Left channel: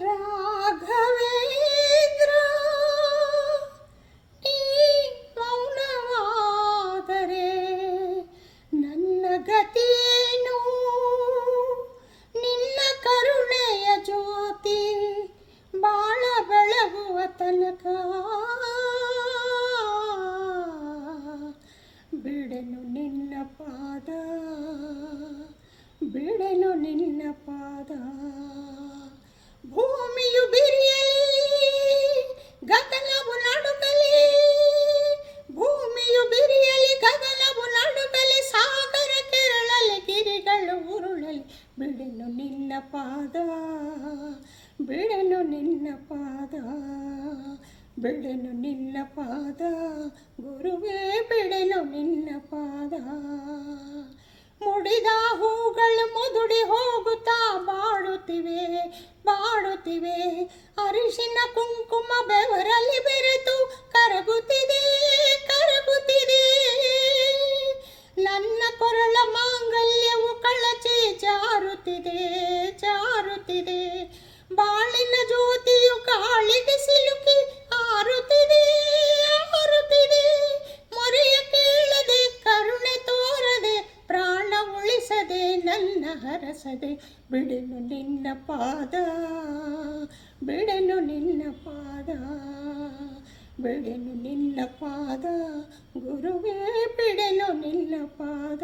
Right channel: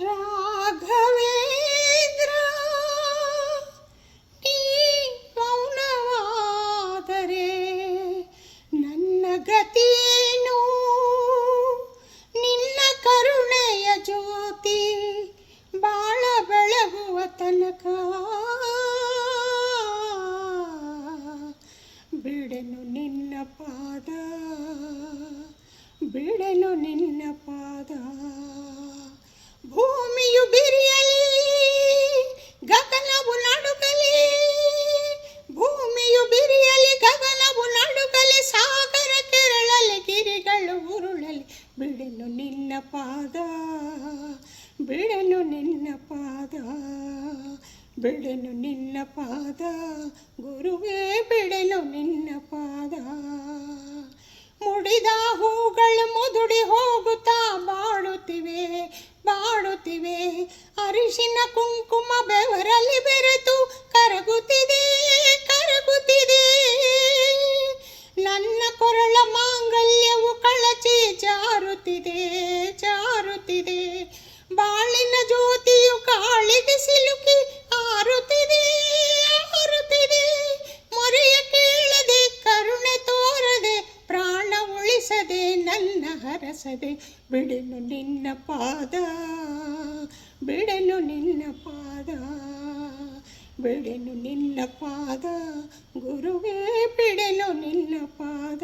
ರಾಘವೇಂದ್ರ ನೀ ಮೌನವಾದರೆ ನನ್ನ ಗತಿಯೇನು? ನಿನ್ನ ಕರುಣೆಯ ಜ್ಯೋತಿ ಬಾಳ ಬೆಳಗುವ ತನಕ ಬಿಡೆನು ನಿನ್ನ ಪಾದ, ಬಿಡೆನು ನಿನ್ನ ಪಾದ. ಭೂಮಿಯು ಬಿರಿಯಲಿ, ಗಗನವು ನಡುಗಲಿ, ಭೂಮಿಯು ಬಿರಿಯಲಿ, ಗಗನವು ನಡುಗಲಿ, ಸಾಗರ ಕೆರಳಲಿ, ಗಿರಿಗಳು ಉರುಳಲಿ, ಬಿಡೆನು ನಿನ್ನ ಪಾದ, ಬಿಡೆನು ನಿನ್ನ ಪಾದ, ಬಿಡೆನು ನಿನ್ನ ಪಾದ, ಗುರುವೇ ಬಿಡೆನು ನಿನ್ನ ಪಾದ. ಮುಡಿದ ಹೂಗಳು ಮುದುಡಿ ಹೋಗುತ್ತಾ ಬಾಡುತ್ತಿವೆ, ಬಾಡುತ್ತಿವೆ, ಅರಿಶಿನ ಕುಂಕುಮ ಬೆವರಲ್ಲಿ ಬೆರೆತು ಕರಗುತ್ತಿದೆ, ಕರಗುತ್ತಿದೆ. ನನ್ನ ಕೊರಳ ಮಾಂಗಲ್ಯವು ಕಳಚಿ ಜಾರುತ್ತಿದೆ, ಜಾರುತ್ತಿದೆ. ಬಾಳಿನ ಜ್ಯೋತಿಯು ಗಾಳಿಗೆ ಸಿಲುಕಿ ಆರುತ್ತಿದೆ, ಆರುತ್ತಿದೆ. ಮೊರೆಯ ಕೇಳದೆ, ಕರುಣೆ ತೋರದೆ, ಪ್ರಾಣ ಉಳಿಸದೆ, ನನ್ನ ಹರಸದೆ, ಬಿಡೆನು ನಿನ್ನ ಪಾದ, ಬಿಡೆನು ನಿನ್ನ ಪಾದ, ಬಿಡೆನು ನಿನ್ನ ಪಾದ, ಗುರುವೇ ಬಿಡೆನು ನಿನ್ನ ಪಾದ.